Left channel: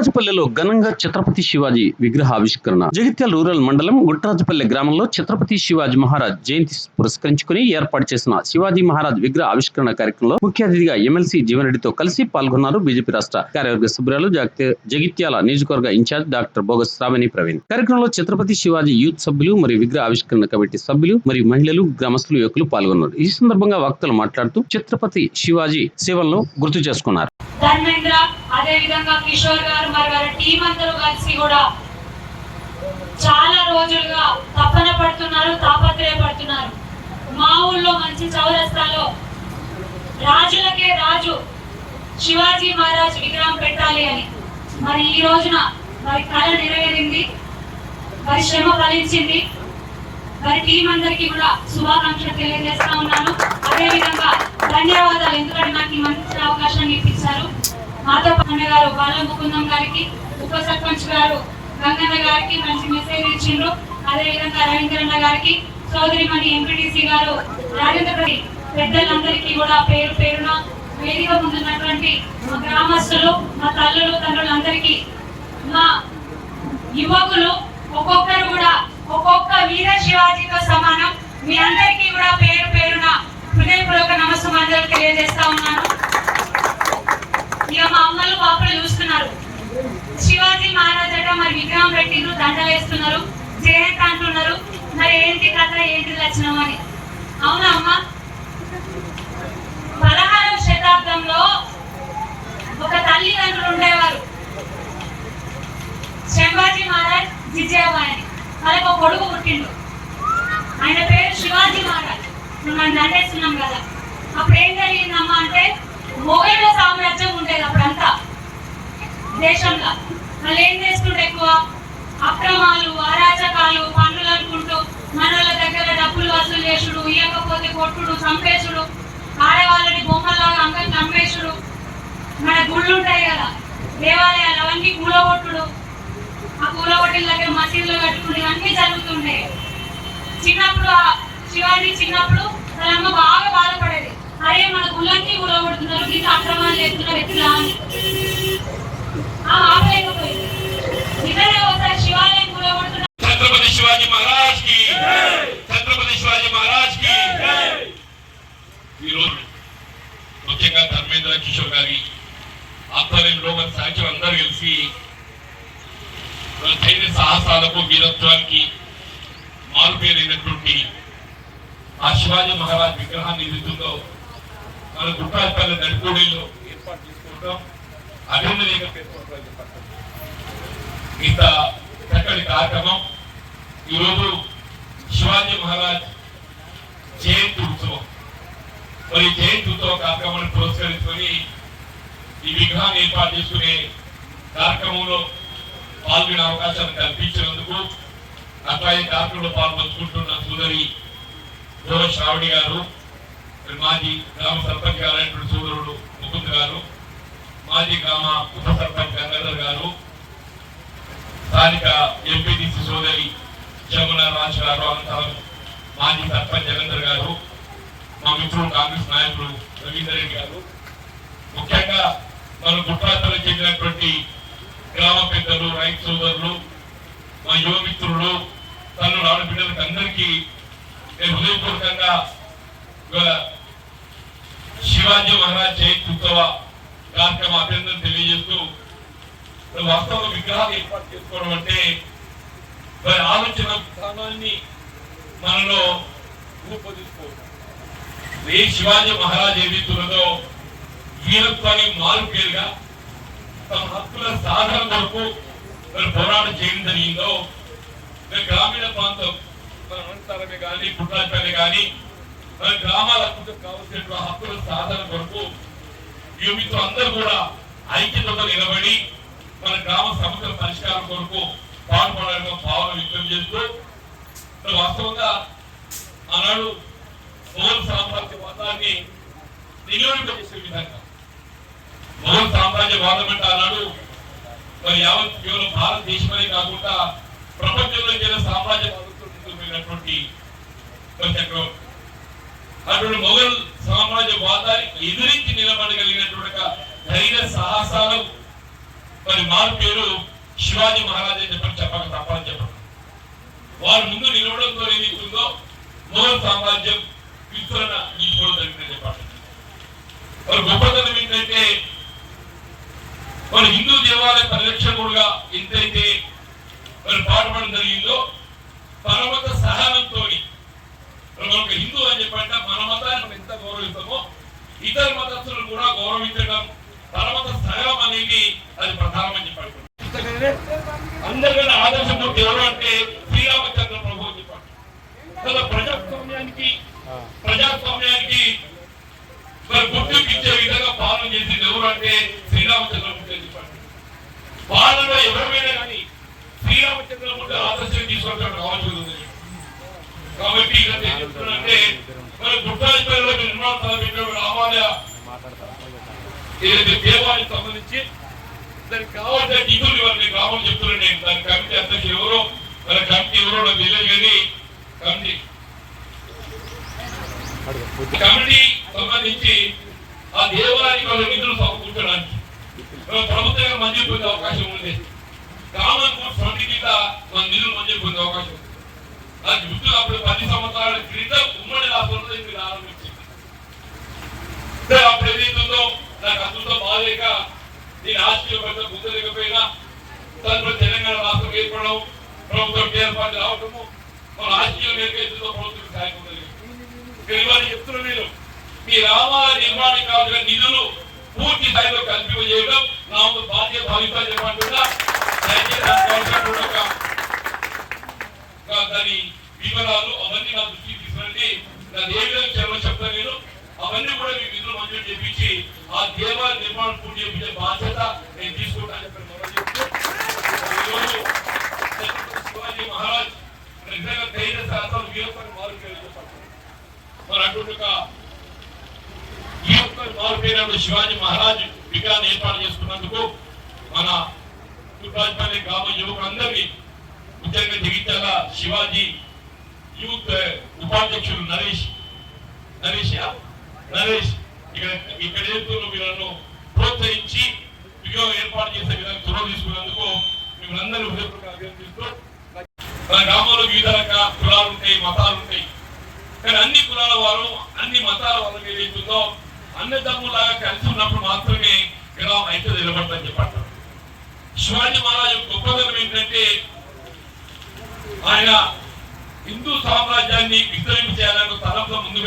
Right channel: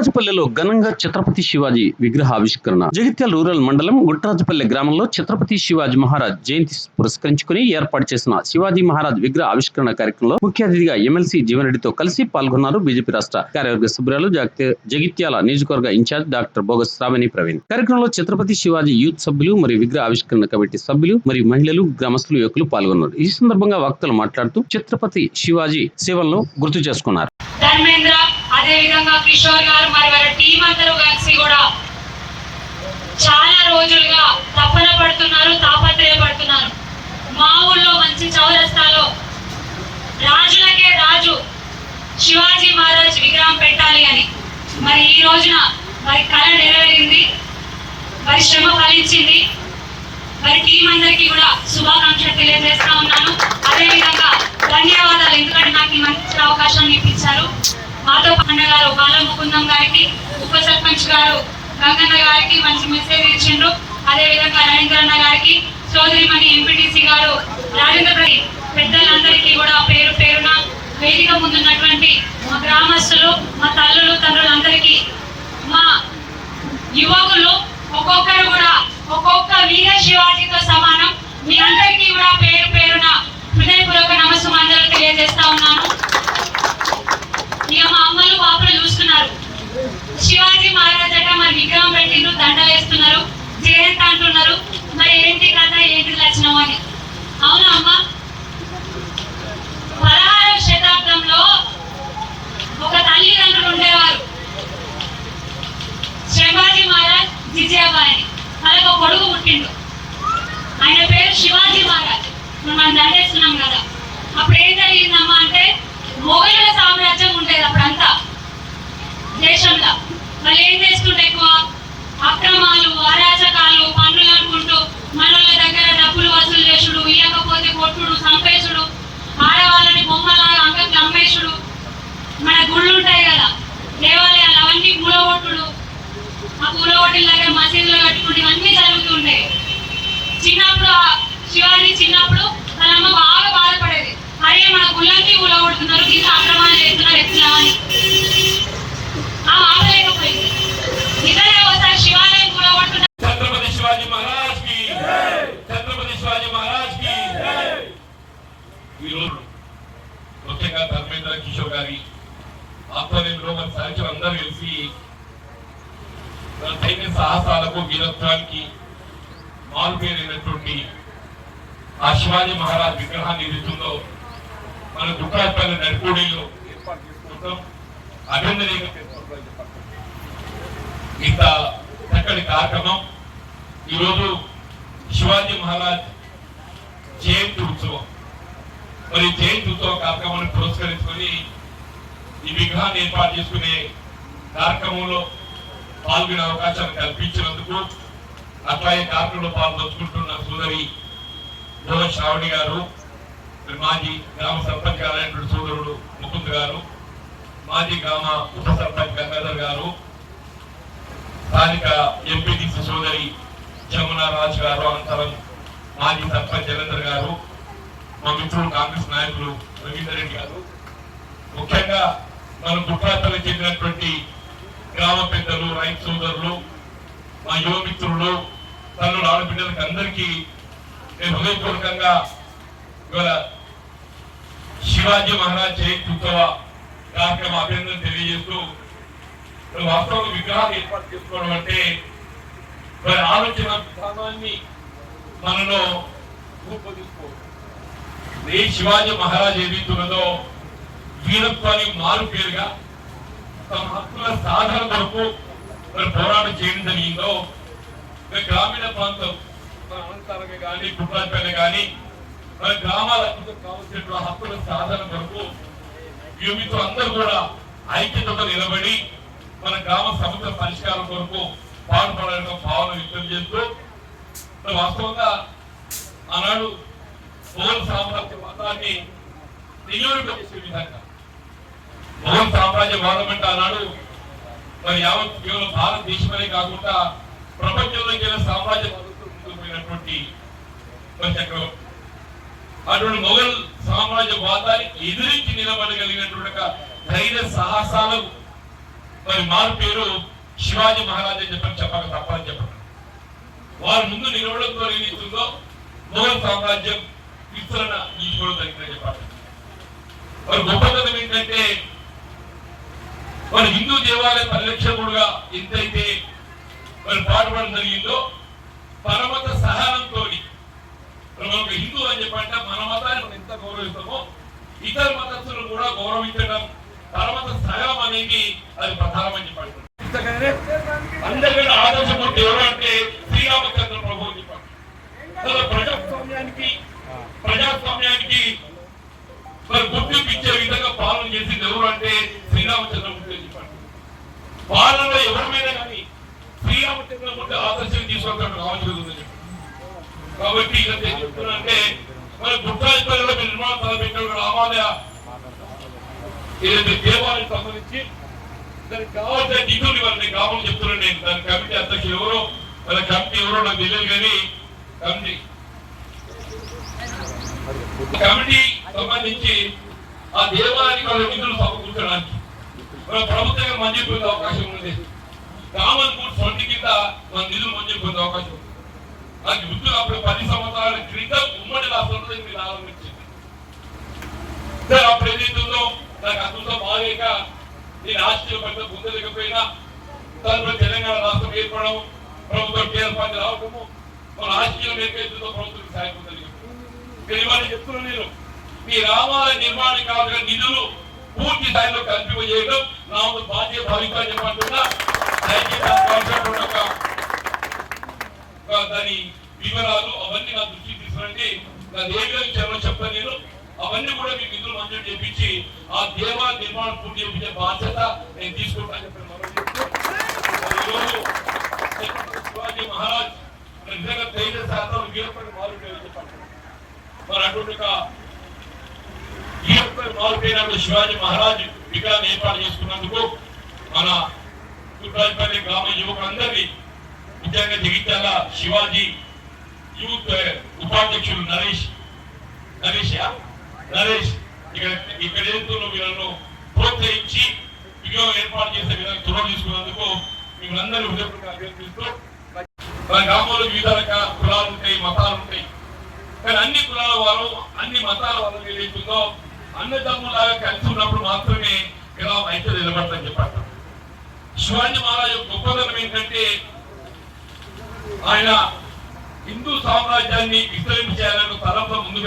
గుట్రాజపల్లెలో ఘనంగా ఛత్రపతి శివాజీ విగ్రహ ఆవిష్కరణ జగిత్యాల రూరల్ మండలం గుట్రాజపల్లె గ్రామంలో ఛత్రపతి శివాజీ మహారాజ్ జయంతి పురస్కరించుకుని ఏర్పాటు చేసిన శివాజీ మహారాజ్ విగ్రహ ఆవిష్కరణ కార్యక్రమంలో ముఖ్య అతిథిగా ఎమ్మెల్సీ జీవన్రెడ్డితో కలిసి పాల్గొన్నారు బీజేపీ రాష్ట్ర కార్యవర్గ సభ్యురాలు జగిత్యాల నియోజకవర్గ in charge doctor Bogus Shravani Praveen. కార్యక్రమంలో ఛత్రపతి శివాజీ యూత్ సభ్యులు మరియు విగ్రహ ఆవిష్కరణ కమిటీ సభ్యులు మరియు మహిళలు గ్రామస్తులు యువకులు పాల్గొన్నారు. ఈ సందర్భంగా వక్తలు మాట్లాడుతూ ఛత్రపతి శివాజీ సేవలను గుర్తు చేసుకున్నారు. ధర్మేంద్ర అదే విధంగా కిషోర్ గారు మరి వారి టీం అందరూ కలిసి కూడా చాలా రోజులుగా తపన పడుతున్నారు తాపత్రయపడుతున్నారు. మా ఊళ్ళో మంచి చౌరస్తాలో రాజులకే రాజు శివాజీ మహారాజ్ విగ్రహం పెట్టాలి అని. మరి ఈ రోజున మరి కళ నెరవేరింది మరి శ్రమ ఫలించింది. మరి టీం అందరికీ కూడా శుభాకాంక్షలు తెలియజేస్తా ఉన్నాను. అదేవిధంగా ధన్యవాదాలు ఎందుకంటే నాకు ఈ మంచి అవకాశాన్ని ఇప్పించారు. మాతో అన్న గారు బాల ముకుందం గారికి ఉప సర్పంచ్ గారు గంగన్న గారికి మంచి మెసేజ్ ఇచ్చిండ్రు. అదే విధంగా రవీంద్ర గారికి చౌదరిమణి ఎంపీటీసీ గారు రాజేంద్ర పెద్దలందరికీ కూడా పేరు పేరున వేదిక ముందున్నటువంటి మా గ్రామస్తులు మా తల్లులు తండ్రులందరికీ మా యువకులు ఒక్కొక్కరు కూడా ఒక్కొక్క వీర శివాజీతో సమానం. మీ అందరికీ కూడా పేరు పేరున హృదయపూర్వక నమస్కారాలు తెలియజేస్తా ఉన్నాను. ఇక మా అమ్మలు పాపలు చూస్తున్నారు. శివాజీ మహారాజ్ అట మరి విగ్రహం పెట్టిండ్రు దండ వేస్తున్నారు. జయంత్ అంటున్నారు. మరి ఏంటి కథ ఏంటి లక్షణం అని. అవునా అమ్మ? పదహారవ శతాబ్దంలో ఒక తల్లిదండ్రులు ఉండేవారు. శంభాజీ మహారాజ్ జిజాబాయి వాళ్ళకి ఒక కొడుకు పుట్టిండు. ఆయన పేరు శివాజీ మహారాజ్. మనం దండేస్తున్నాం కదా. అప్పుడు ఏం జరిగిందమ్మా అంటే మన ఉంటాయి కదా దేవాలయాలు అవన్నీ కూలగొట్టుడు. ఆ కూలగొట్టిన దగ్గర మసీదులు కట్టుకుని ఇవన్నీ జరుగుతుండే. చిన్నప్పుడు శివాజీ చిన్నప్పుడు తన అమ్మ బాగా బాధపడేది. అరే మన గుళ్ళకి కూలగొడుతున్నారు ఇంత అక్రమాలు చేస్తున్నారు ఎట్లా అని. ఆ ఆగలేకపోయింది నిజంగా నిధులతో మన గుట్టాపల్లి నడిపూడిలో ఏర్పాటు చేసుకుంటాం. అభినందనీయంగా పేర్కొంటామని చెప్పారు ఇంత చక్కటి కార్యక్రమం. ఈరోజు శివాజీ మహారాజ్ జయంతి ఉత్సవం. మరి జయంతి ఉత్సవ కార్యక్రమాన్ని పురస్కరించుకొని ఈ విగ్రహాన్ని ఏర్పాటు చేసుకునే కార్యక్రమంలో పాల్గొనే అవకాశాన్ని కల్పించినందుకు అట్లాగే కార్యక్రమంలో పాల్గొంచుకుంటున్న సోదరి గోవ శ్రావణి గారు మాజీ గ్రామ సర్పంచ్ గారు సోదరుడు ముకుంద్ గారు మాజీ గ్రామ ఉప సర్పంచ్ గంగాధర్ గారు స్థానిక ఎంపీటీసీ సోదరి జమున రాజ్ గారు అనంతరం మాజీ సర్పంచ్ జగేంద్ర గారు మా మిత్రులు కాంగ్రెస్ నాయకులు రవీందర్ రెడ్డి గారు. ముఖ్యంగా మన గుట్రాతలు చెందినటువంటి గ్రామ పెద్దలు రైతు సోదరులు మా యువ మిత్రులు తల్లుడు ఆడబిడ్డలకు అందరికీ నేను హృదయపూర్వకంగా ఇవాళ శివాజీ మహారాజ్ జయంతి ఉత్సవ కార్యక్రమ అభినందన తెలియజేస్తూ వాస్తవ విగ్రహాలు ఏర్పాటు చేసుకోవడం అంటే మరి ఆలోచన విధానాన్ని మనలో రూపొందించుకోవడం. ఏ శివాజీ మహారాజ్ ఏదైతున్నదో వీరత్వాన్ని మారు పేరుగా తమ హక్కుల సాధన కొరకు మరి పోరాటం చేయడం జరిగిందో మరి గ్రామీణ ప్రాంతం మన అనంతరమే కానీ కుట్రాపేట కానీ మన గ్రామాల అభివృద్ధికి కావలసిన హక్కుల సాధన కొరకు యువతో అందరూ కూడా ఐక్యతతో నిలబడి మన గ్రామ సమస్యల పరిష్కారం కొరకు పాటుపడాలని భావన వ్యక్తం చేస్తూ వాస్తవంగా ఆనాడు మొఘల్ సామ్రాజ్య వాదాన్ని నియోజక విధంగా మొఘల్ సామ్రాజ్య వాదం అంటే ఆనాడు మరి యావత్ కేవలం భారతదేశమే కాకుండా ప్రపంచంలో కేవలం సామ్రాజ్య వాదంతో ముందుకు పోయినటువంటి చక్రవర్తి అటువంటి మొఘల్ సామ్రాజ్య వాదాన్ని ఎదిరించి నిలబడగలిగినటువంటి ధైర్య సాహసాలు. మరి మార్పేరు శివాజీ మహారాజా చెప్పని చెప్పక తప్పని చెప్పండి వారు ముందు నిలవడంతో ఏదైతుందో మొఘల్ సామ్రాజ్యం విస్తరణ నిలిపోవడం జరిగిందని చెప్పండి. మరి గొప్పతనం ఏంటంటే వారు హిందూ దేవాలయ పరిరక్షకుడుగా ఎంతైతే మరి పాటుపడడం జరిగిందో పరమత సహనంతో మనం ఒక హిందూ అని చెప్పంటే మన మతాన్ని మనం ఎంత గౌరవిస్తామో ఇతర మతస్థులను కూడా గౌరవించడం పరమత సహనం అనేది అది ప్రధానమని చెప్పాడు ఇంతకనే అందరికంటే ఆదర్శమూర్తి ఎవరు అంటే శ్రీరామచంద్ర ప్రభు అని చెప్పాడు అసలు ప్రజాస్వామ్యానికి ప్రజాస్వామ్యానికి మరి గుర్తింపు ఇచ్చే విధంగా పాలన చేసింది ఎవరు అంటే శ్రీరామచంద్రమూర్తి అని చెప్పాడు పాలనలో ఎవరైనా కానీ శ్రీరామచంద్రమూర్తి ఆదర్శం తీసుకుంటాడు అవసరం కాబట్టి ఇక్కడ ఏం చెప్తున్నానంటే మరి గుట్టాయిపల్లిలో నిర్మాణ తలపెట్టిన రామాలయ ఏదైతే దేవాలయం సంబంధించి? దానికి కావాల్సిన నిధులు ఇవ్వాలి కావాలని చెప్తున్నాను నేను దాని కమిటీ అధ్యక్షులు ఎవరో? మన కమిటీ ఎవరో నాకు తెలియదు కానీ కమిటీ. కమిటీ సంబంధించి ఆ దేవాలయానికి వాళ్ళ నిధులు సమకూర్చడానికి ప్రభుత్వం ప్రభుత్వంగా మంచి పొందే అవకాశం ఉంది. కామన్ ఫుడ్ ఫండ్ కింద మన నిధులు మంచి పొందే అవకాశం ఉంది. అది గుర్తు అప్పుడు పది సంవత్సరాల క్రితం ఉమ్మడి రాష్ట్రంలో ఇది ప్రారంభించింది అప్పుడు ఏదైతే నేను ఆశ్చర్య పెద్ద పొందలేకపోయినా తదుపరి తెలంగాణ రాష్ట్రం ఏర్పడడం ప్రభుత్వం ఏర్పాటు రావడము మన రాజకీయం ఏకైతుందో ప్రభుత్వం సాయం పొందలేదు. చెప్తున్నా నేను మీ రామాలయ నిర్మాణం కావాల్సిన నిధులు పూర్తి స్థాయిలో కల్పింపజేయడం నా ఒక బాధ్యత భవిష్యత్ చెప్పంటున్నా నిజంగా ధైర్య శాతం వీరపని చెప్పండి మరి అటువంటి ఈ యొక్క మార్పు శివాజీ మహారాజ్ విగ్రహాన్ని ఏర్పాటు చేసుకున్నందుకు మన కుట్రాజపల్లి గ్రామ యువకులందరినీ ముఖ్యంగా జగిత్యాల శివాజీ యూత్ ఉపాధ్యక్షులు నరేష్ నరేష్ నరేష్ ఇక్కడ ఇక్కడ వీళ్ళను ప్రోత్సహించి విగ్రహం ఏర్పాటు చేసే విధంగా చొరవ తీసుకున్నందుకు మిమ్మల్ని అందరూ హృదయపూర్వక అభ్యర్థిస్తూ మన గ్రామంలో వివిధ రకాల కులాలు ఉంటాయి మతాలు ఉంటాయి. కానీ అన్ని కులాల వారు అన్ని మతాల వాళ్ళ మీద అన్ని అన్నదమ్ములాగా కలిసి ఉన్నప్పుడు మాత్రమే గ్రామం అయితే నిలబడతాం చెప్పారు శివాజీ మహారాజ్ గొప్పదనం ఏంటంటే ఆయన హిందూ సామ్రాజ్యాన్ని విస్తరింపు చేయాలని తలంతో ముందుకు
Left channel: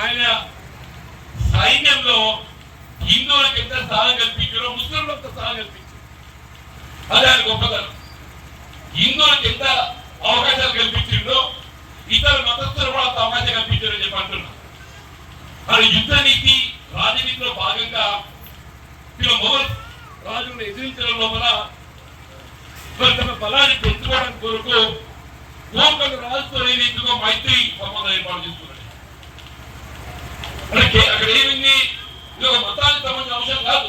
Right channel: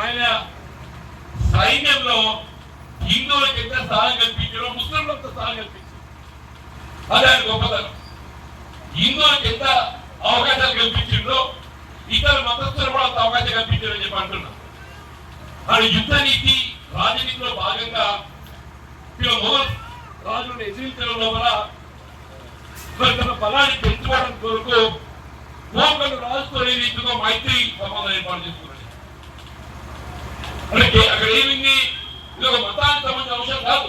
ఆయన సైన్యంలో హిందువులకు ఎంత స్థానం కల్పించారో ముస్లింలకు స్థానం కల్పించారు అదే ఆయన గొప్పతనం. హిందువులకు ఎంత అవకాశాలు కల్పించిందో ఇతర మతస్థులు కూడా అంత అవకాశం కల్పించారని చెప్పి అంటున్నాం. ఆయన యుద్ధ నీతి రాజనీతిలో భాగంగా ఇలా మొదలు రాజులను ఎదిరించడం లోపల తన బలాన్ని పెంచుకోవడానికి కొరకు గోకల్ రాజుతో ఏదైతుందో మైత్రి సంబంధం ఏర్పాటు చేసుకున్నాడు. అంటే అక్కడ ఏమింది? ఇది ఒక మతానికి సంబంధించిన అంశం కాదు.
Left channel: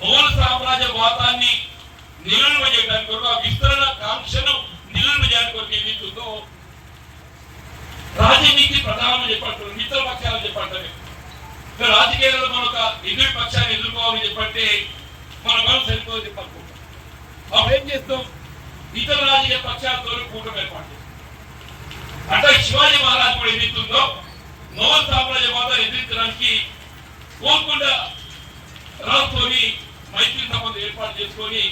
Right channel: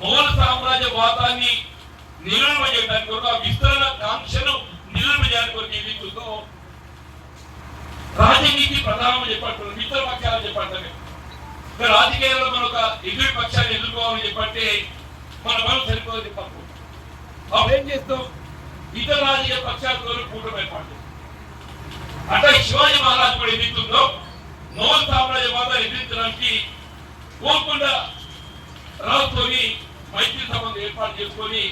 మొఘల్ సామ్రాజ్య వాతాన్ని నిలువ చేయడానికి కొరకు ఆ విస్తరణ కాంక్షను నిలువ చేయడానికి కొరకు ఏమి చూద్దో రాజనీతి ప్రధానం చెప్పంటారు మిత్ర పక్షాలు చెప్పంటారు రాజకీయాల్లో మన ఒక ఎదురు పక్షాన్ని ఎదుర్కోవాలని చెప్పంటే మన మనం సరిపోదు చెప్పనుకుంటాం అప్పుడు ఏం చేస్తాం? ఇతర రాజకీయ పక్షాలతో కూటమి ఏర్పాటు అంటే శివాజీ మహారాజ్ కూడా ఎదుగుతుందో మోహన్ సామ్రాజ్యం వాదాన్ని ఎదిరించడానికి గోల్కొండ రాజుతోని మైత్రి సంబంధం ఏర్పాటు చేసుకొని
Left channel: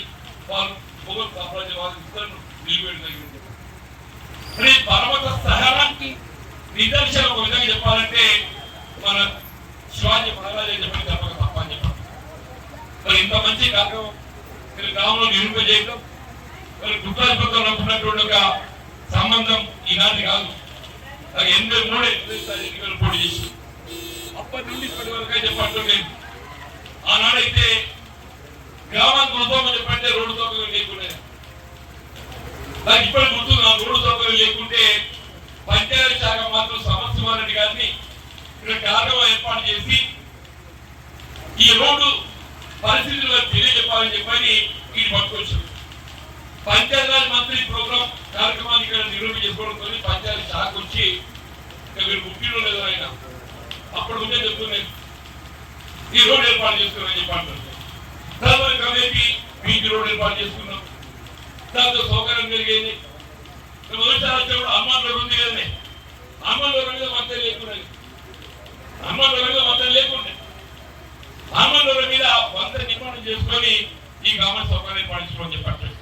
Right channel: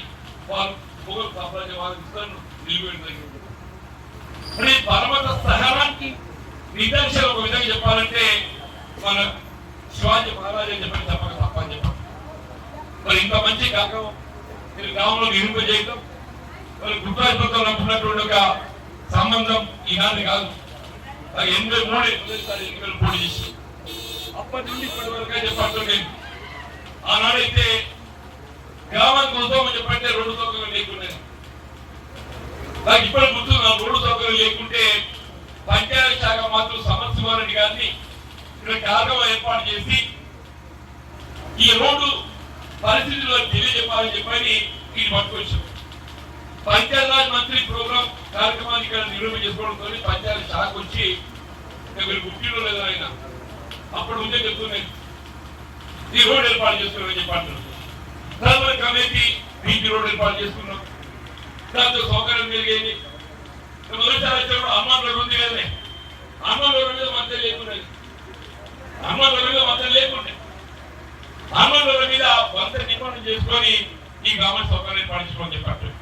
వాళ్ళు మొఘల్ సామ్రాజ్య వాద విస్తరణను నిలిపేయడం పర్వత సహనానికి నిదర్శన ఒక విధంగా చెప్పాలంటే మన శివాజీ మహారాజా అని చెప్పి తప్పక తప్పని చెప్పాలి మరి ఇంత మంచి కార్యక్రమం మీరు గ్రామంలో నిరూపించేయడం మరి గుర్తాధిపతితో అనుకున్నటువంటి ఒక సంబంధం ఈనాటి కాదు. అది ఎనిమిది మూడు ఎనిమిది ఎన్నికలు పోటీ చేసి అప్పటి నుండి ఇప్పటి వరకు అయితే నేను ఆనాడైతే గ్రామానికి వస్తామని చెప్పంటే రోడ్డు సౌకర్యం లేకున్నాయి నాకు ఇప్పటి గుర్తు నాకు రోడ్డు సౌకర్యం లేకుంటే పంచాయతీ శాఖ మాత్రం సమస్యవారెడ్డి గారిని ఇక్కడ కార్యక్రమం ఏర్పాటు చేసి ఈ రోడ్డు పరిస్థితుల్లో తెలియజెప్పాలని చెప్పని ఇది పట్టుకొచ్చారు. పంచాయతీరాజ్ మంత్రి ప్రోగ్రామ్ కార్యక్రమాన్ని ఇక్కడ నిర్వహణ చేసుకోవడంతో పంచాయతీ శాఖ వచ్చి ఇక్కడ మీరు ముఖ్యంలో లేదు ఆయన అప్పుడు ఉందే చెప్తున్నాను ఈ రోడ్డు ఏర్పాటు చేస్తున్నారని చెప్పి అంటున్నారు. తర్వాత బీచ్ రోడ్ ఏర్పాటు చేసుకున్నాం దాంతో సౌకర్యం జరిగేది మొదటిసారి వచ్చినప్పుడు అమ్మాయిల ఉంది కానీ అమ్మాయిల మీద మధ్య లేకుండా అమ్మాయిల మీద మధ్య లేకుండా. అమ్మాయిల మీద వంత నిర్మాణం చేసుకొని ఈ గ్రామ సౌకర్యం ఏర్పాటు చేసుకోమని చెప్పారు